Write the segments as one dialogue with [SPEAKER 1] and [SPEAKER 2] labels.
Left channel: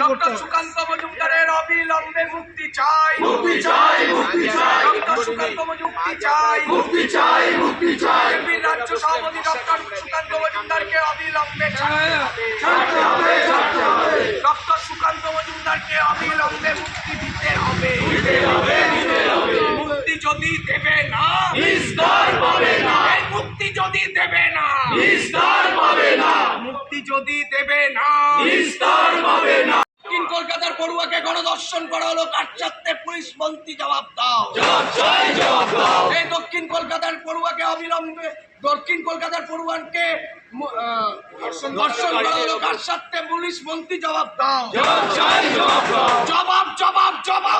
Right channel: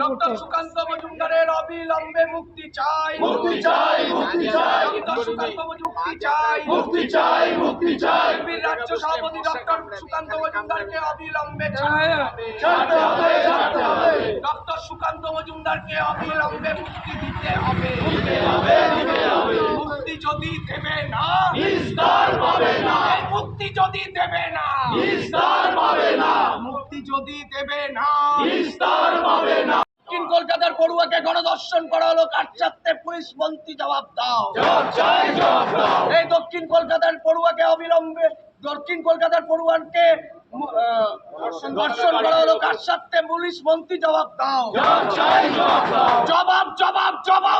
[SPEAKER 1] Doctor Sukanta মজুমদারের অবিলম্বে মুক্তি চাই।
[SPEAKER 2] মুক্তি চাই মুক্তি চাই।
[SPEAKER 1] ডক্টর সুকান্ত মুক্তি চাই।
[SPEAKER 2] মুক্তি চাই মুক্তি চাই।
[SPEAKER 1] বিজেপির রাজ্য সভাপতি ডক্টর সুকান্ত মজুমদারকে অবিলম্বে ছাড়তে হবে।
[SPEAKER 2] ছাড়তে হবে ছাড়তে হবে।
[SPEAKER 1] ডক্টর সুকান্ত মজুমদারকে অবিলম্বে মুক্তি দিতে হবে
[SPEAKER 2] দিতে হবে দিতে হবে
[SPEAKER 1] মুক্তি যদি দেবে না।
[SPEAKER 2] নিস্তার পাবে না।
[SPEAKER 1] মুক্তি যদি দেবে না।
[SPEAKER 2] নিস্তার পাবে না।
[SPEAKER 1] মুক্তি যদি দেবে না।
[SPEAKER 2] নিস্তার পাবে না।
[SPEAKER 1] দক্ষিণ কলকাতার পড়ুয়াকে গণদর্শন করা হলো কাটচাত্তে পুলিশ মন্ত্রী জবাব দাও।
[SPEAKER 2] চাই জবাব দাও।
[SPEAKER 1] এই দক্ষিণ কলকাতার পড়ুয়াকে অবিলম্বে দক্ষিণ কলকাতার পড়ুয়ানকে দর্শন করা হলো কাটচাত্তে পুলিশ মন্ত্রী জবাব দাও।
[SPEAKER 2] জবাব চাই জবাব দাও।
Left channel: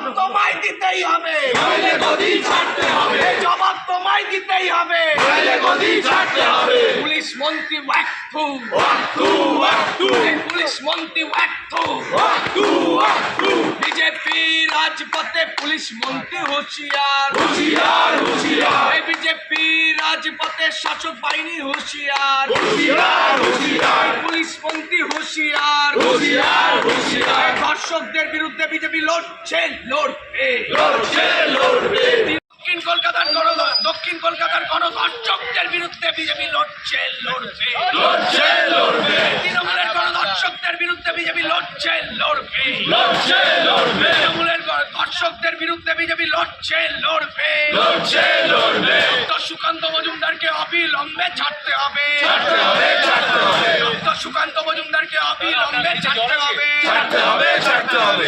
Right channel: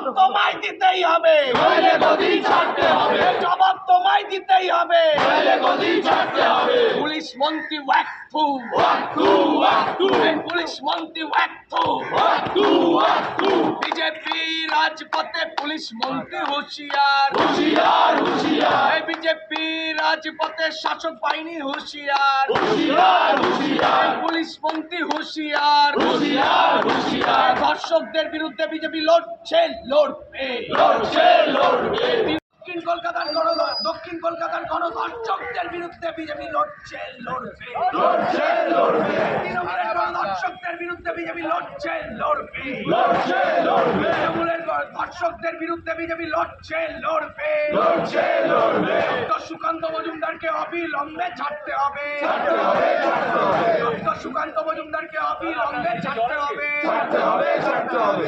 [SPEAKER 1] জবাব তোমায় দিতেই হবে।
[SPEAKER 2] নইলে গদি ছাড়তে হবে।
[SPEAKER 1] এই জবাব তোমায় দিতেই হবে।
[SPEAKER 2] নইলে গদি ছাড়তে হবে।
[SPEAKER 1] পুলিশ মন্ত্রী ওয়াক থু।
[SPEAKER 2] ওয়াক্তু ওয়াক্তু
[SPEAKER 1] পুলিশ মন্ত্রী ওয়াক থু।
[SPEAKER 2] ওয়াক্তু ওয়াক্তু
[SPEAKER 1] বিজেপি রাজপথে পুলিশ মন্ত্রী হুঁশিয়ার।
[SPEAKER 2] হুশিয়ার।
[SPEAKER 1] বিজেপি রাজপথে শাসক বাহিনী হুঁশিয়ার। পুলিশ মন্ত্রী হুঁশিয়ার। ধর্ষকদের বিরুদ্ধে বিজেপি লড়ছে লড়বে। দক্ষিণ কলকাতার গণ দক্ষিণ কলকাতার গণধর্ষকদের বিরুদ্ধে বিজেপি লড়ছে লড়বে।
[SPEAKER 2] লড়ছে লড়বে।
[SPEAKER 1] তৃণমূলের গণধর্ষকদের বিরুদ্ধে বিজেপি লড়ছে লড়বে।
[SPEAKER 2] লড়ছে লড়বে।
[SPEAKER 1] তৃণমূলের ধর্ষকদের বিরুদ্ধে বিজেপি লড়ছে লড়বে।
[SPEAKER 2] লড়ছে লড়বে।
[SPEAKER 1] অবিলম্বে ছাড়তে হবে।
[SPEAKER 2] ছাড়তে হবে ছাড়তে হবে।
[SPEAKER 1] ডক্টর সুকান্ত মজুমদারকে অবিলম্বে ছাড়তে হবে।
[SPEAKER 2] ছাড়তে হবে ছাড়তে হবে।